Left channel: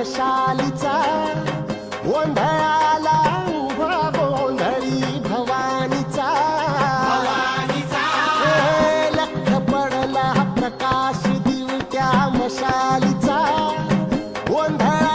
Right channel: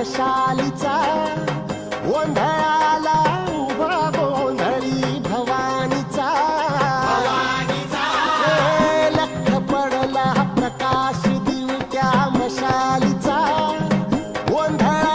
मशालीचा गोंधळाला उभा गोंधळी भवानीचा लख पडला प्रकाश दिवट्या मशालीचा गोंधळ